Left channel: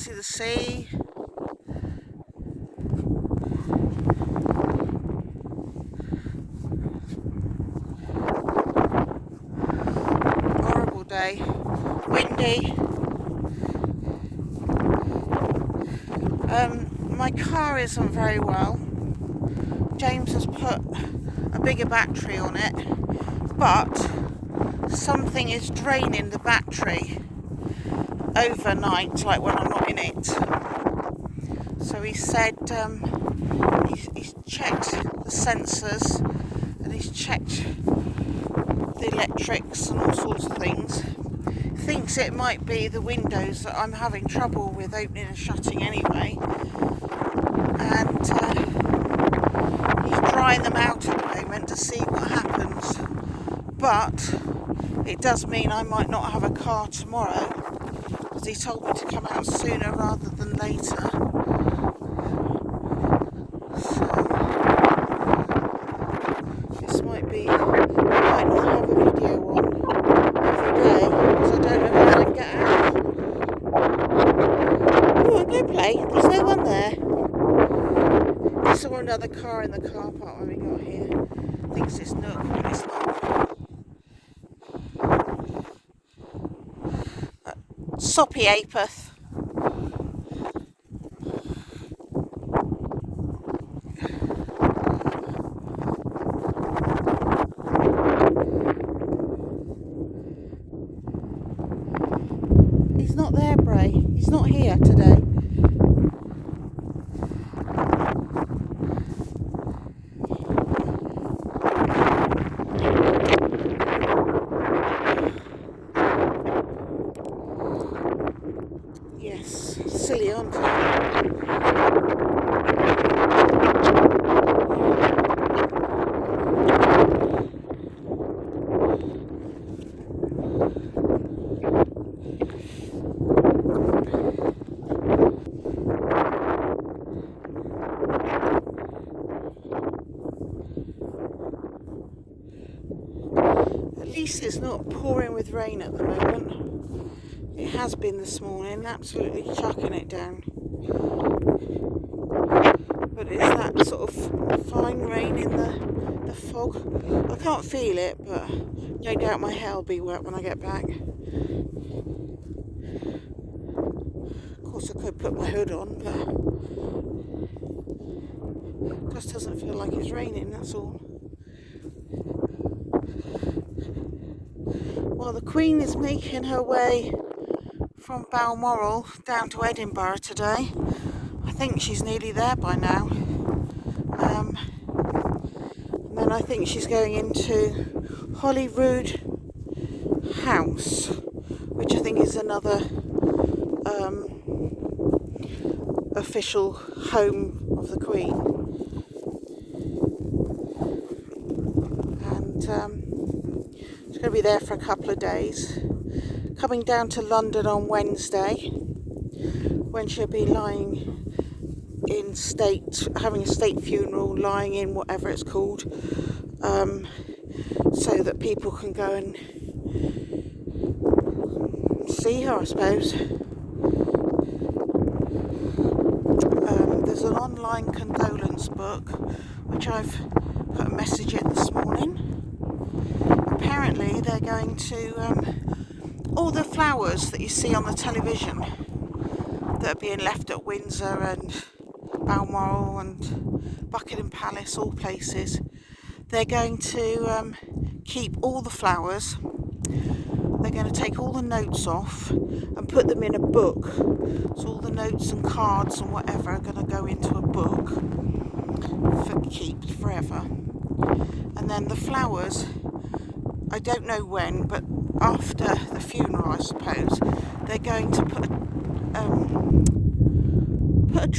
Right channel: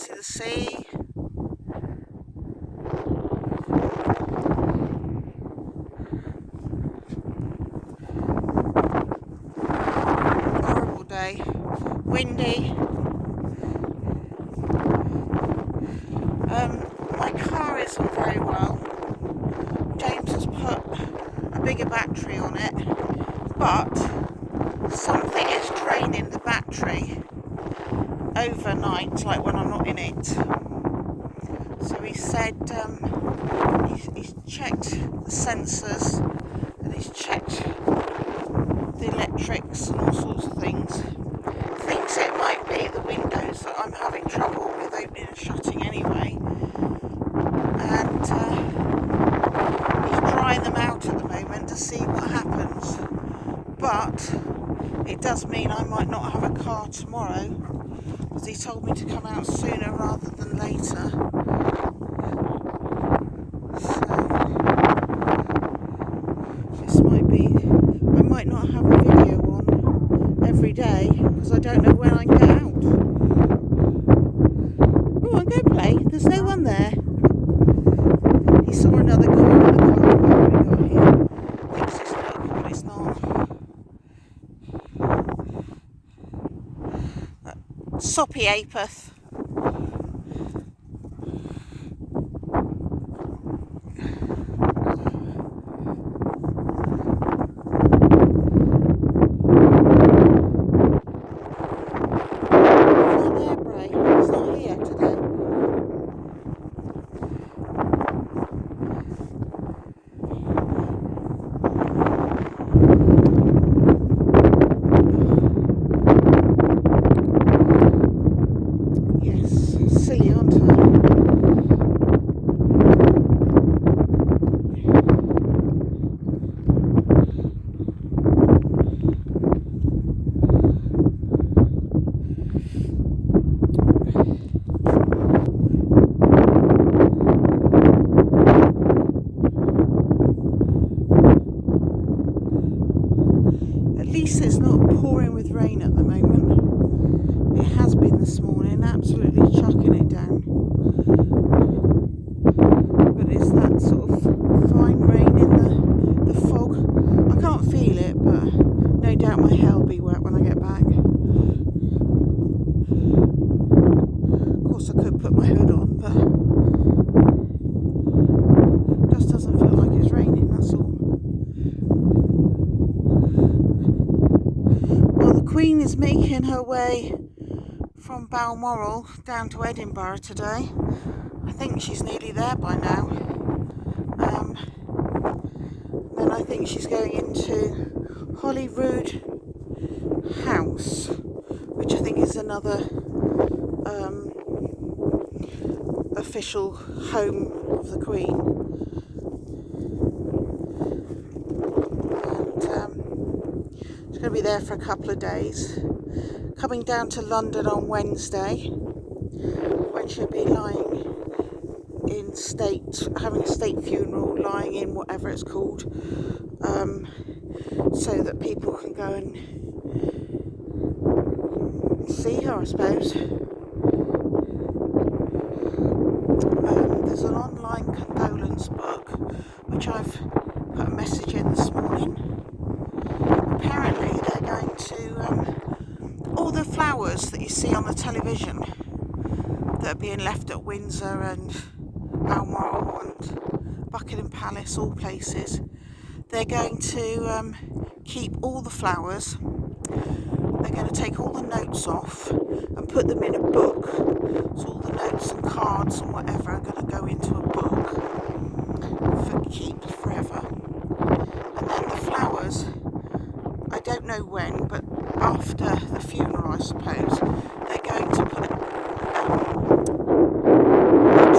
see the sea. Horrible day, windy. My car isn't very well. James has put a bigger battery on it, but something is draining the battery overnight, like when I'm not in it. So he said he's checked the sensors and he's checked the electrics and all sorts of things. Thinks it might be the windows that I'm having trouble with opening and shutting anyway, and he's drying them out at the moment to see what happens. But it does mean I might not have a car tomorrow, because he told me to come out sooner rather than later. So this might be, I might not have a video on every day because I don't know when I can get out. Oh, I'm going to play. There's no one there. I saw another car in the car park we got here. Thinks it's local, but it's not. Soppy Apeth. It's not there, Brea. It's not here today. Yes, silly, aren't I? At least it's not pouring with rain at the moment. It has been this morning, absolutely chucking it down. But it's that sort of fine rain in the fog. I can't feel it, but no doubt my hair will be wet when I get back. Of course I could put my hood on, but it just doesn't feel like it's raining, that's all. Well, the Queen is making her way from Balmoral down to Edinburgh today. I think she's nearly there by now. And then I think she's going into Holyrood House, which I think is another official home of the Queen. And she's going to be there for a couple of days. Coming down to London on Wednesday, when she'll be lying in state, having a state funeral, lying in whatever it's called, so that people can go and see her, I suppose. There's an online condolence book, which I've put a message in this morning. Apparently they're going to all the flowers that you see on the television that are being left at Windsor and Balmoral and Buckingham Palace, all places, they're going to keep all the flowers. They're going to take all the notes off and put them in a book. So all the notes and cards and whatever are going to go into a book for keep forever. And then the flowers, I don't know when, but after the funeral, I suppose, they're going to put a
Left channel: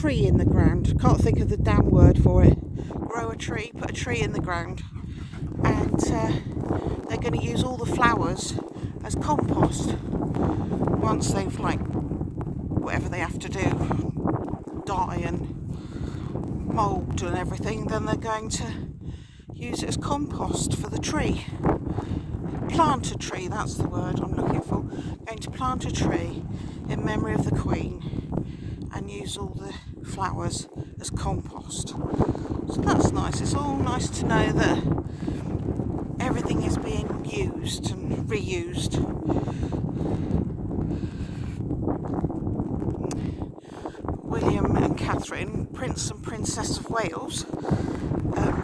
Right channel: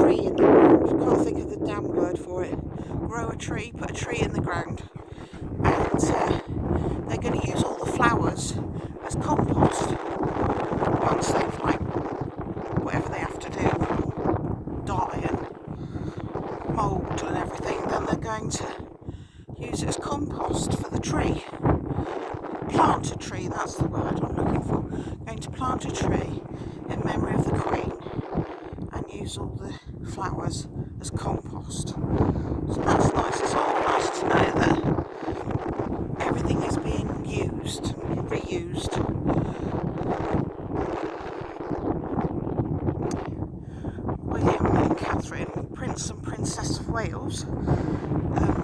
tree in the ground. I can't think of the damn word for it. Grow a tree, put a tree in the ground. And they're going to use all the flowers as compost once they've, like, whatever they have to do, die and mould and everything. Then they're going to use it as compost for the tree. Plant a tree, that's the word I'm looking for. Going to plant a tree in memory of the Queen. and use all the flowers as compost. So that's nice. It's all nice to know that everything is being used and reused. William and Catherine, Prince and Princess of Wales,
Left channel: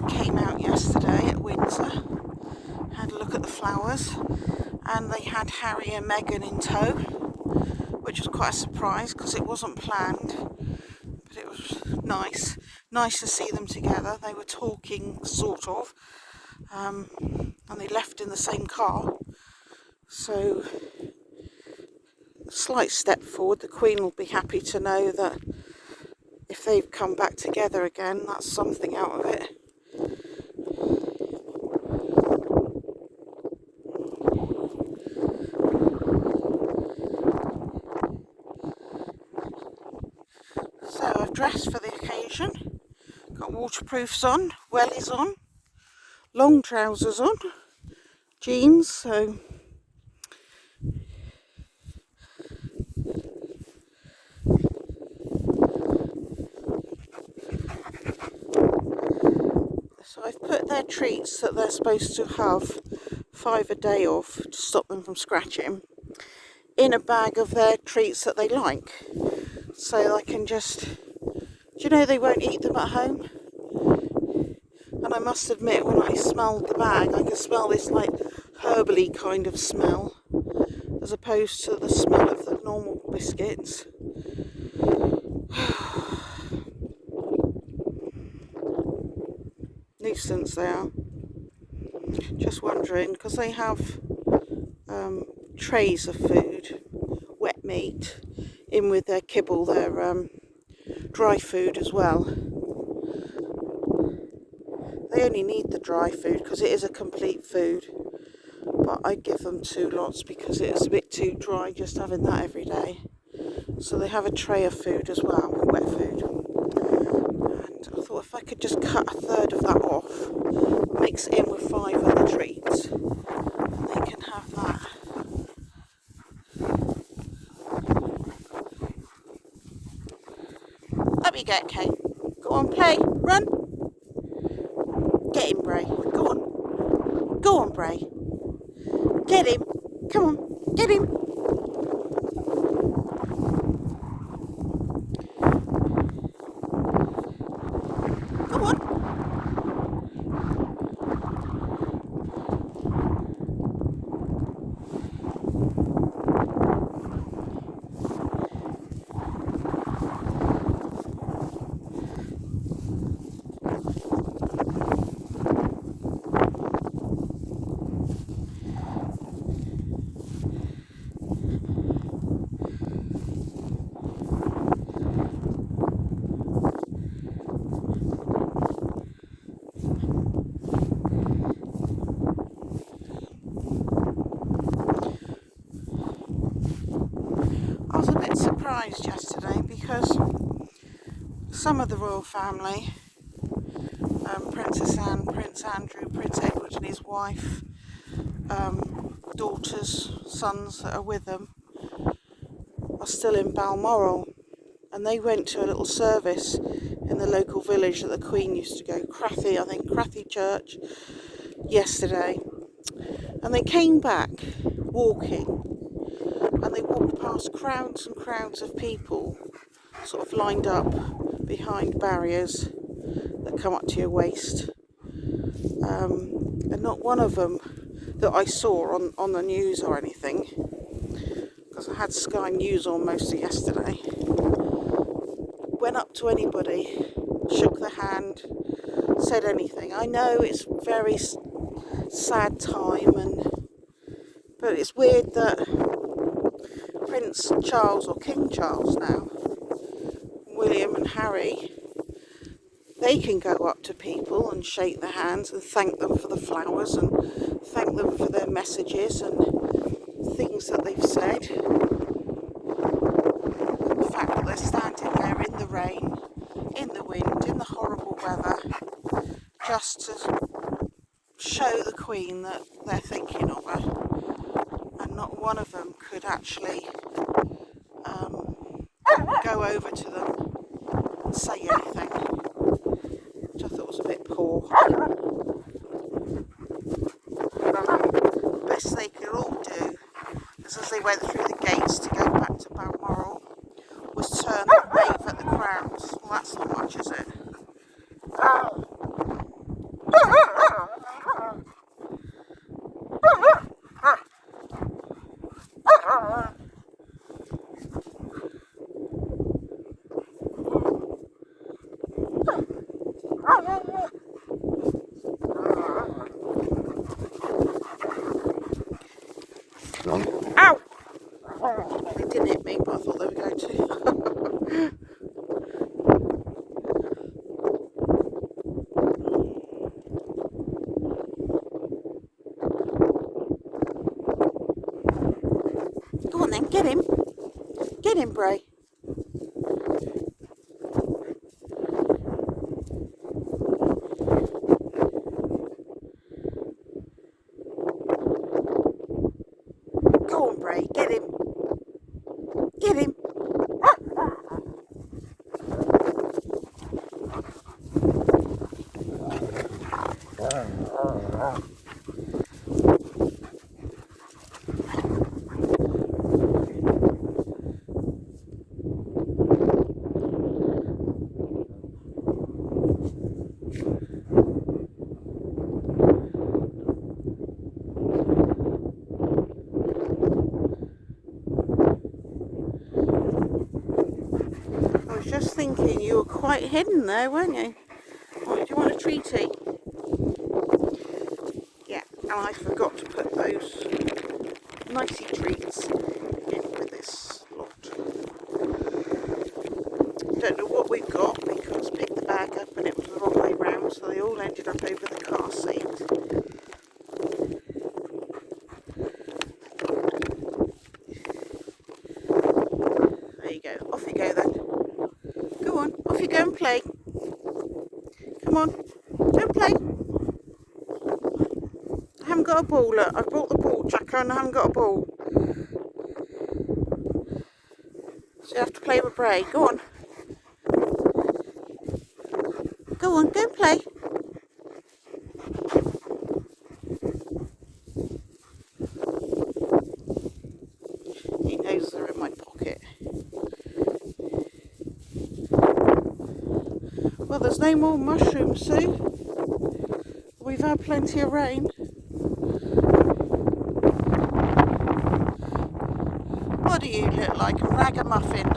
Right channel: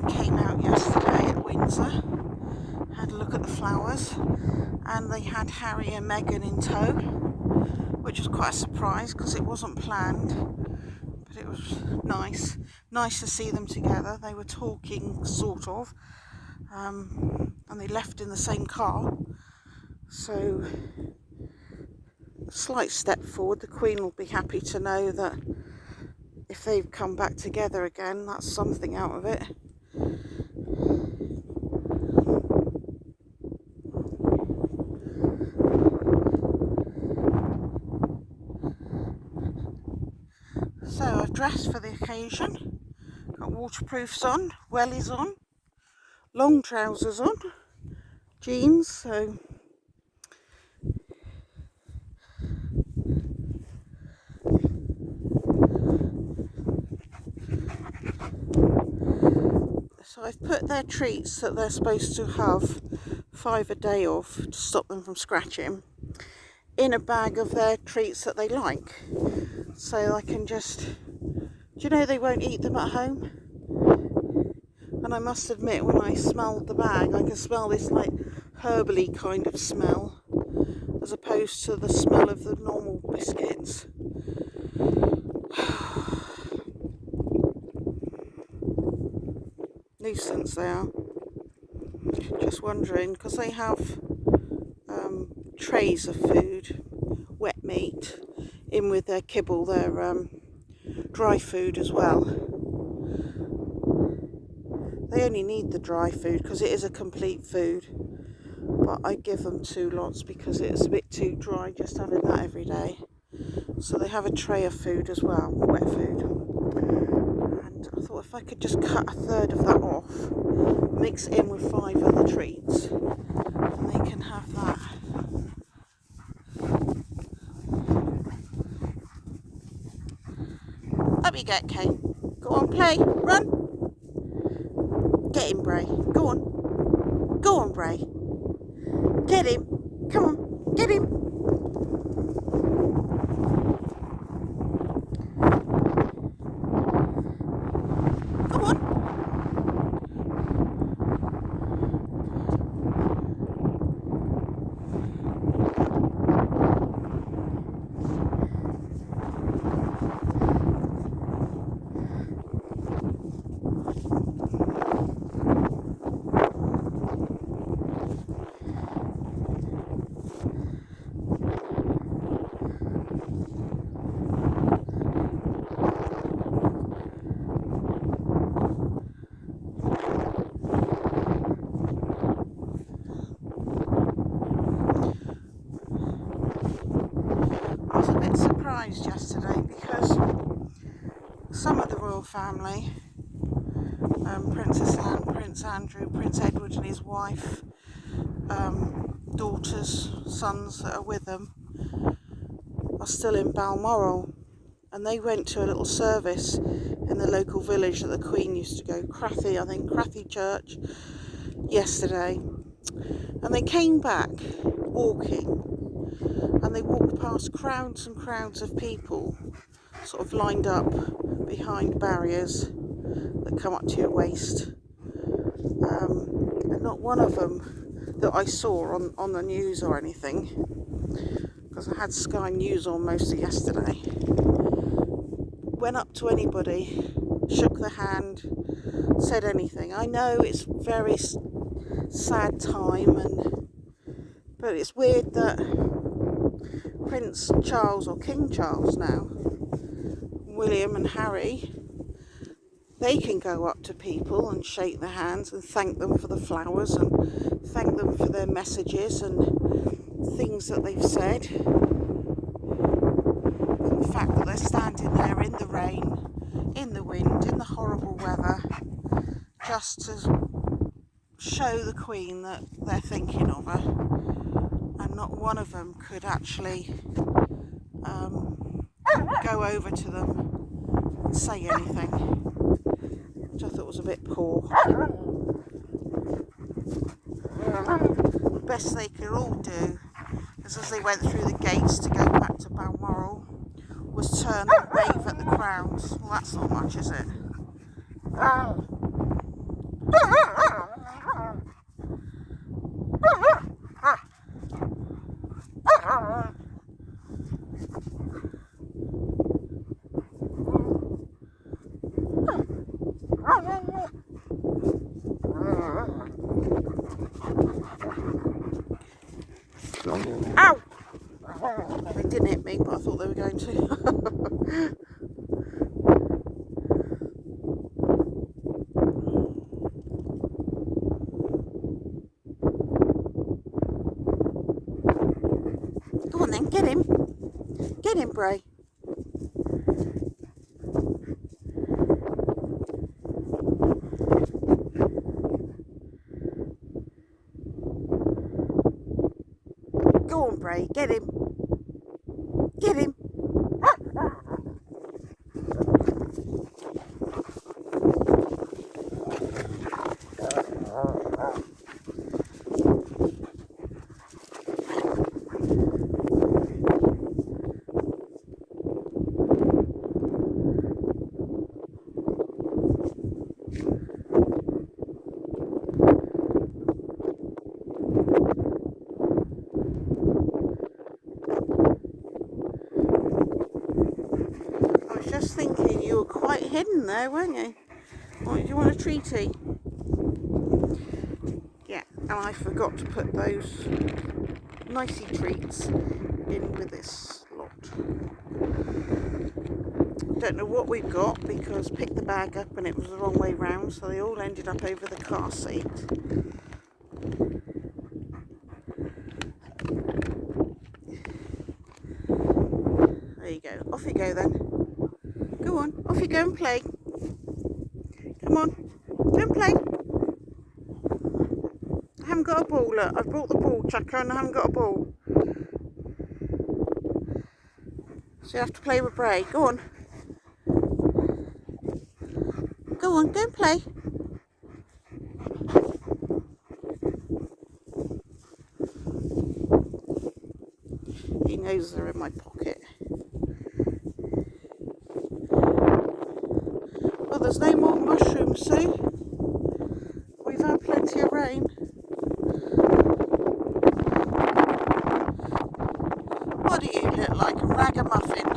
came out yesterday at Windsor, had a look at the flowers, and they had Harry and Meghan in tow, which was quite a surprise because it wasn't planned, but it was nice to see them together. They were talking, sort of, and they left in the same car, so a slight step forward. The Queen will be happy to know that if they've come back together again, that's something out of it. So I've dressed for the occasion, got waterproofs on, wellies on, long trousers on, jeans, so I've put their treats that they're supposed to have 5 a day of to stop them from scratching in a bag of their treats that they like, so I can just, do you know, they won't eat them at home. And I must admit, when I smelled the bag, I could smell this like herbally kind of smell, as opposed to the smell of the normal biscuits. Nuisance they are. Just wondering, because they have trays of food, wet meat, in with their kibble, their dry food as well. They only need the dry food because it is a complete food, but I give them 2 lots because it's a bit too dry just having that every day. So they have a tray of food as well, wet food. And I thought if I could just cut a third of that off, mix it in with 5 of the treats, and they can have that. Up you get, Kane. Go on, play, run. Get him, Brea. Go on. Go on, Brea. Get him. Come on, get him. Go on. I was a bit surprised yesterday because some of the royal family, Princess Anne, Prince Andrew, Prince Edward and his wife, daughters, sons that are with them, are still in Balmoral, and they went to a little service in the local village that the Queen used to go, Crathy Church, yesterday, and they came back walking, and they walked past crowds and crowds of people sort of lined up behind barriers that come up to your waist, and not one of them that I saw on the news or anything, because I had Sky News on most of yesterday, went up to anybody, shook their hand, said anything. I know it's a very sad time, but it's weird that Prince Charles, or King Charles now, William and Harry, they can go up to people and shake their hands and thank them for the flowers and thank them for their messages and things that they've said. And the fact that they're standing there in the rain, in the wind, in the horrible weather, just to show the Queen that they're thinking of her. And not one of them could actually go over to them and say anything, which I thought was a bit poor. The best they could all do is, as they went through the gates to go back to Balmoral, was turn and wave at the crowds. Well, that's not much, is it? Ow! They didn't hit me, but I thought they were going to. Go on then, get him. Get him, Brea. Go on, Brea, get him. Get him. I was just thinking you were quite hidden there, weren't you? Oh, do you want a treaty? Yeah, and I forgot to put those nicey treats in with this lot. Don't know what we've got because picked the bag up and it was the wrong way round, so they all ended up over the car seat. There you go. Off you go then. Go on, off you go and play. Come on, go and play. I haven't got a ball, look. I brought the ball, Jacker, and I haven't got a ball. So you have to play with Brea. Go on. Go on, go and play. He knows they're in my pocket. Well, there's no more mushrooms, Sue. We've had plenty of rain. What do you look like? A ragamuffin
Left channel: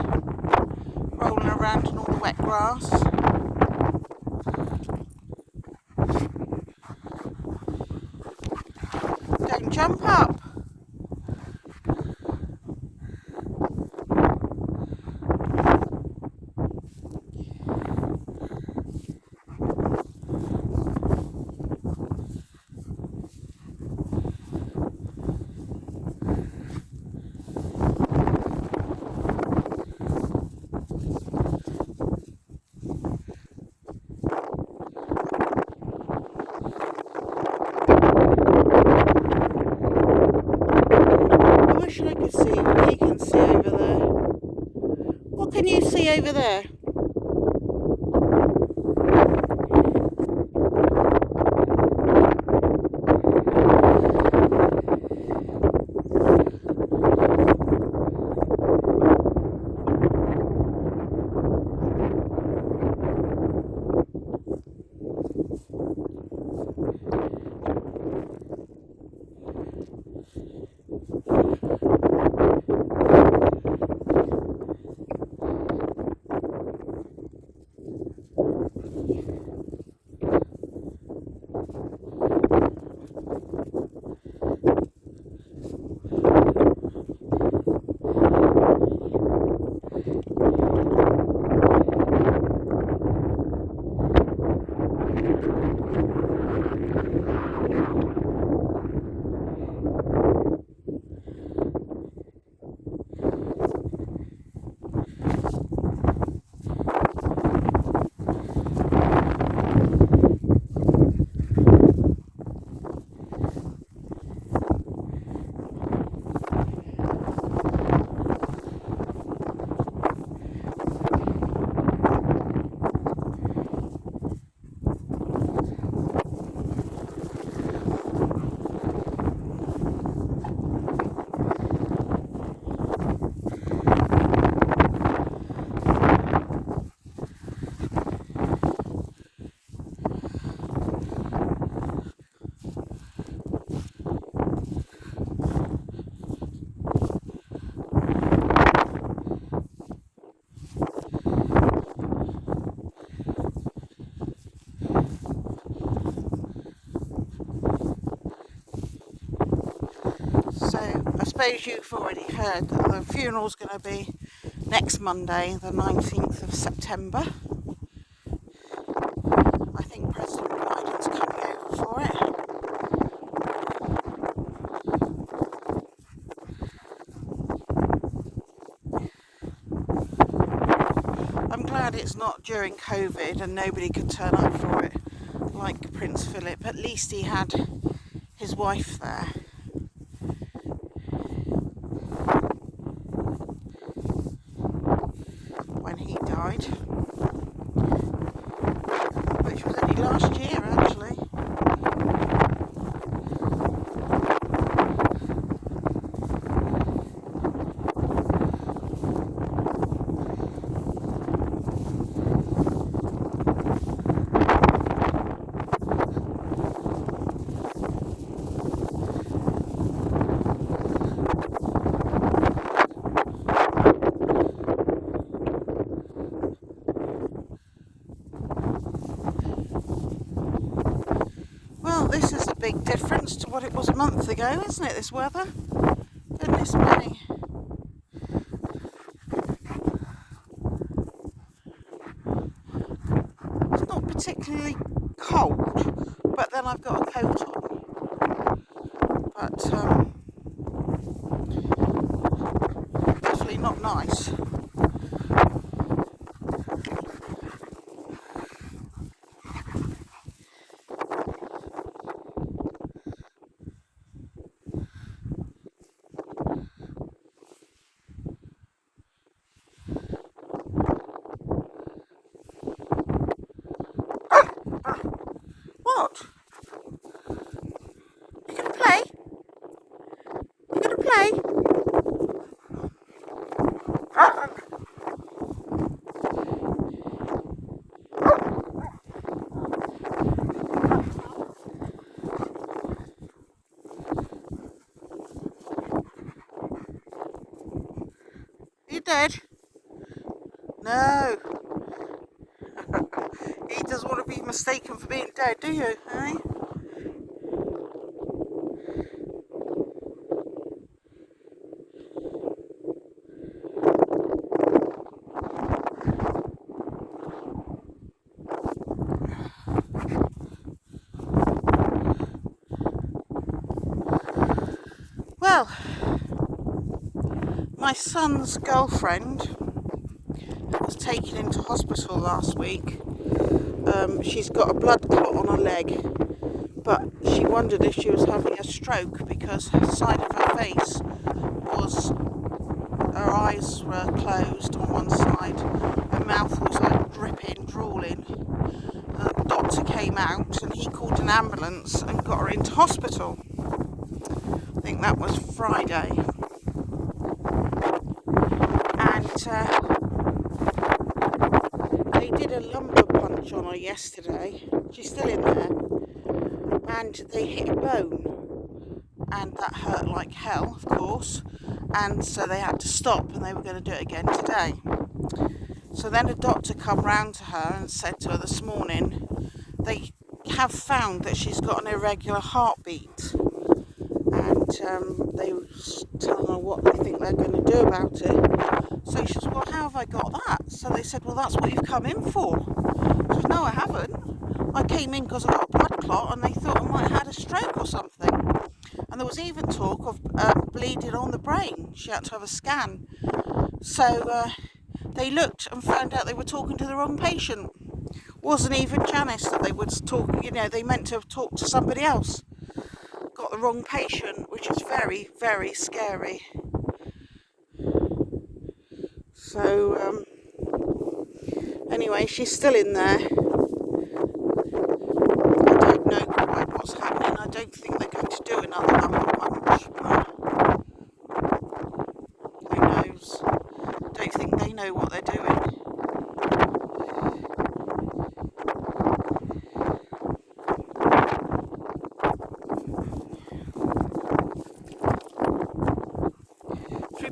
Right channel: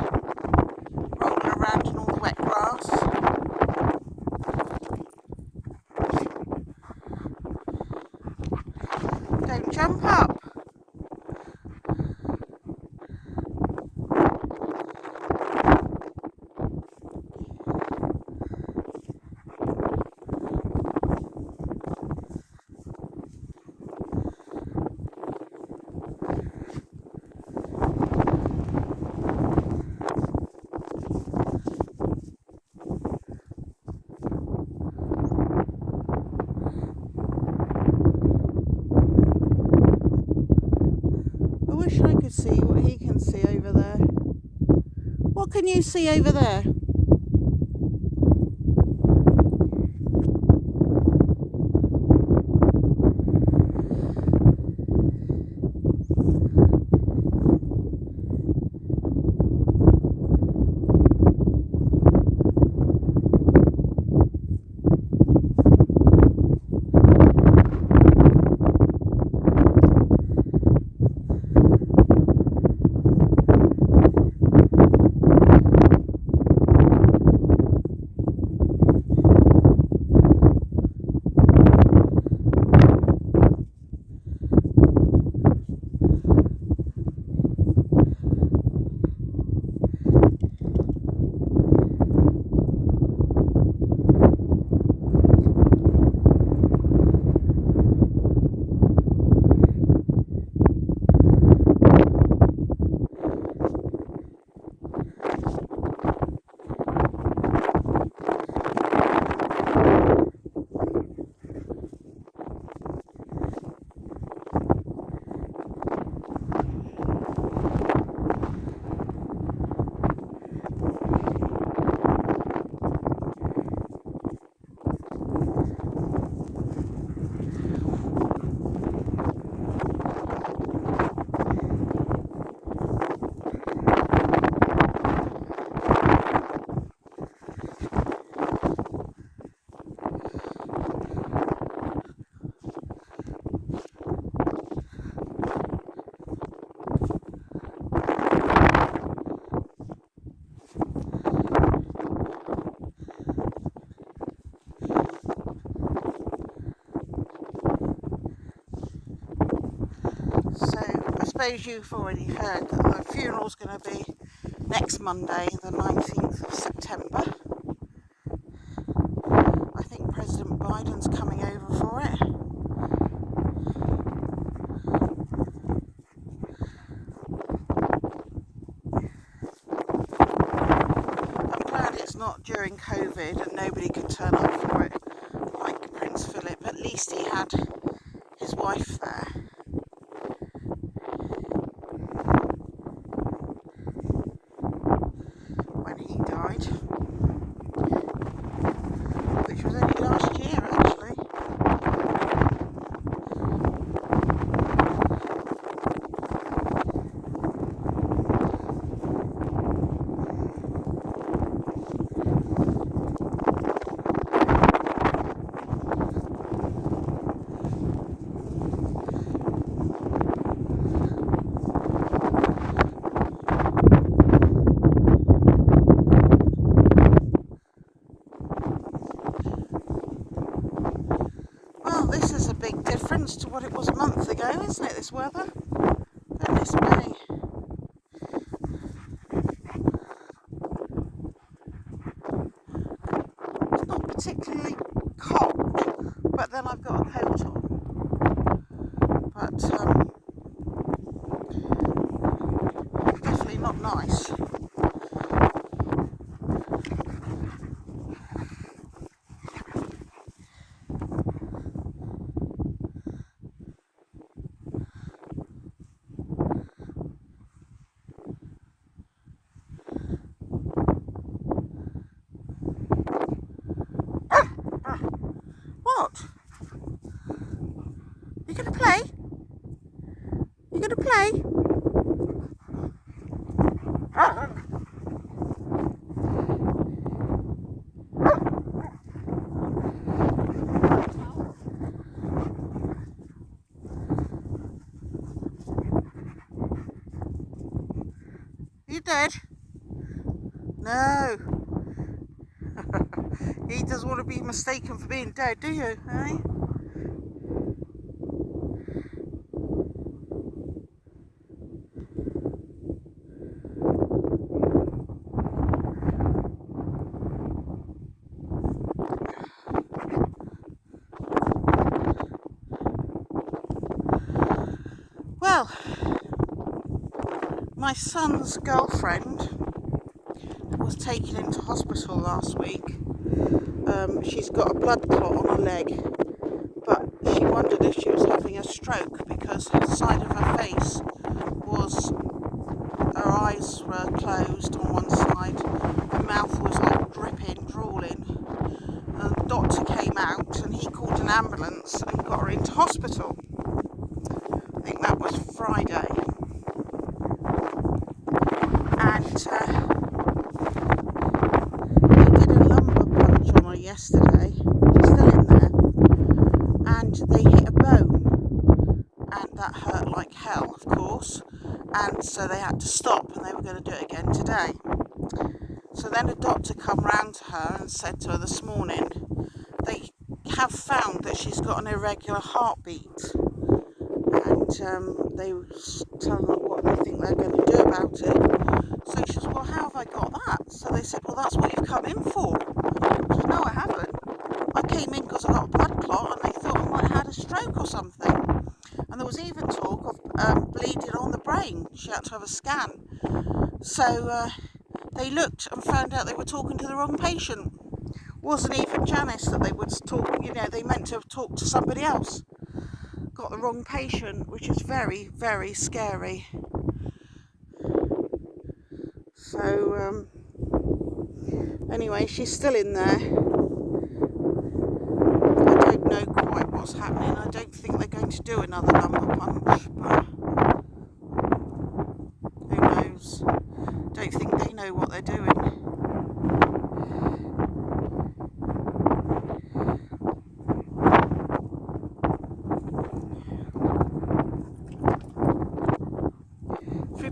rolling around in all the wet grass. Don't jump up. I wish I could see what he can see over there. What can you see over there? suppose you've already heard that the funeral's going to be next Monday, the 19th of September. I think President Biden's coming over for it. I'm glad it's not during COVID and nobody could turn up for it like Prince Philip. At least he had his wife there. When he died, which was only last year actually. Well, this is a big difference to what it was a month ago, isn't it, this weather? Goodness me. It's not particularly cold, but then I've got a coat on. But definitely not nice. What? You gonna play? You gonna play? You dead? No. He doesn't want to be mistaken for being dead, do you? Eh? Well, my son's girlfriend was taken into hospital last week. She's got a blood clot on her leg, but she wondered if she was having a stroke because the side of her face was, her eyes were closed on one side, her mouth was like dripping, drooling. The doctor came out and he called an ambulance and got her into hospital. I think that was Friday. And they did a lumbar punch on her yesterday. She's still in there. And they hit a bone. And that hurt like hell, of course. And so they had to stop and they were going to do it again today. So then a doctor come round to her and said to her this morning, they have found that she's got an irregular heartbeat. And they were telling her what they think they're going to do about it. So she said, well, how have I got that? So they said, well, that's what you've come in for. She said, no, I haven't. I came in because I got a blood clot and they thought I might have had a stroke or something. And there was even talk of bleeding on the brain. She had to have a scan. So they looked and found out they were talking to the wrong patient. Wasn't even Janice that they would talk, they meant to have talked to somebody else. Got the wrong patient, which is very, very scary. So, anyway, she's still in there. I don't know quite what's happening. I don't think they're going to do another lumbar punch, but who knows? Don't think they know what they're doing.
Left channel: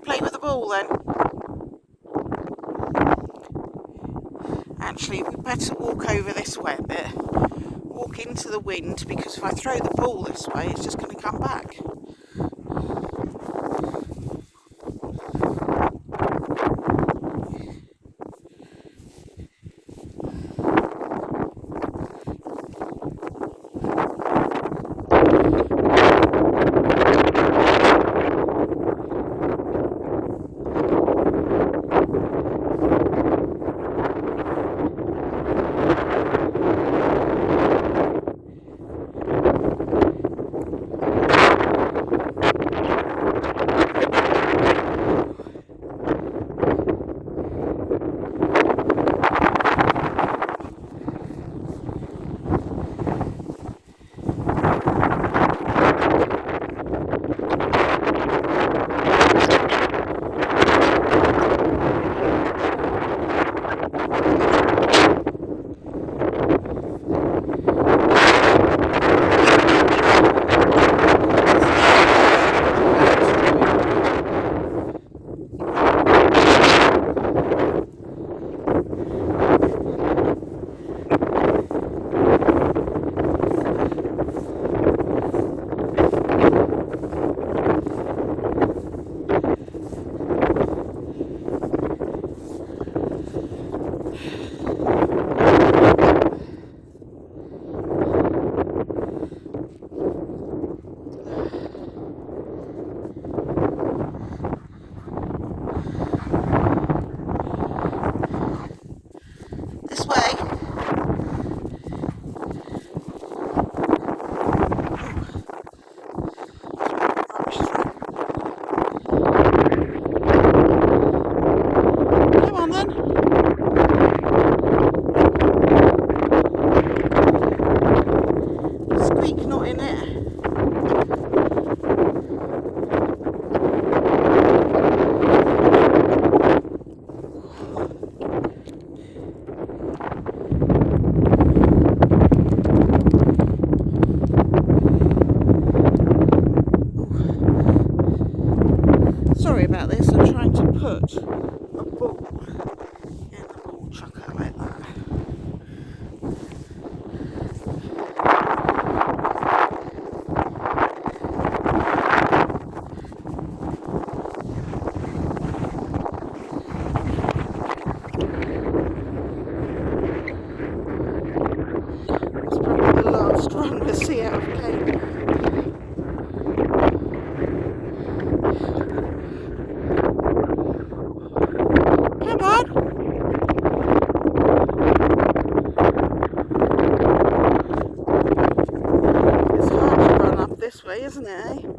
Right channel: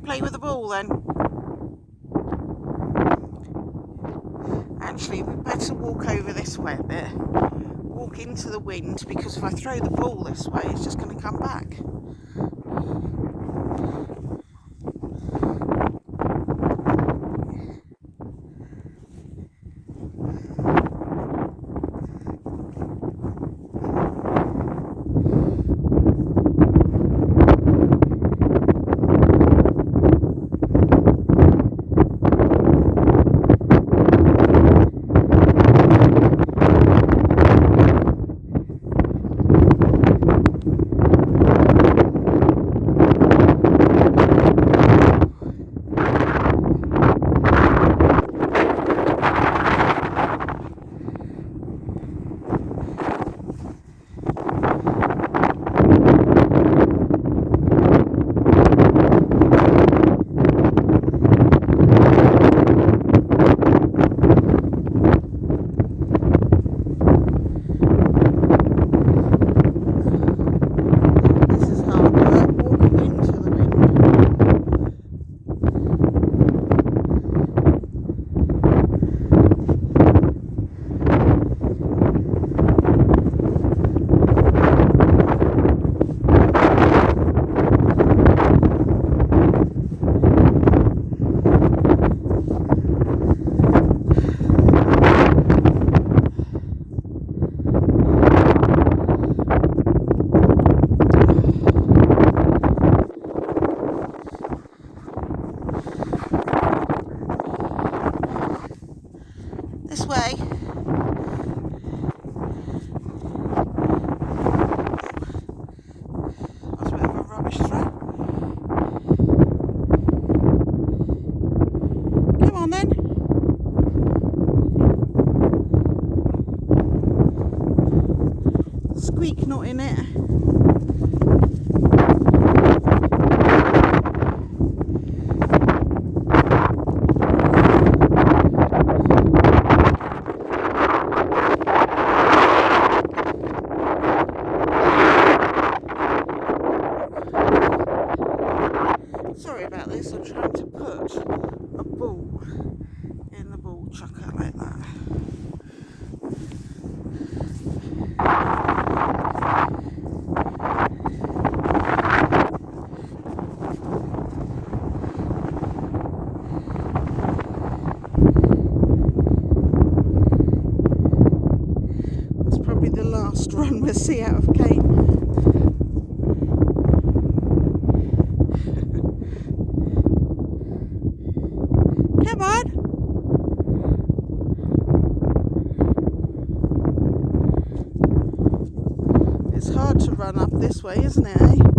Play with the ball then. Actually, we better walk over this way a bit. Walk into the wind, because if I throw the ball this way, it's just going to come back. this way. Rubbish throw. Come on then. Squeak not in it. Sorry about this, I'm trying to put a ball in the ball chucker like that. That's probably the last run we'll see out of Kane. Come on! It's hard to run up this way, isn't it, eh?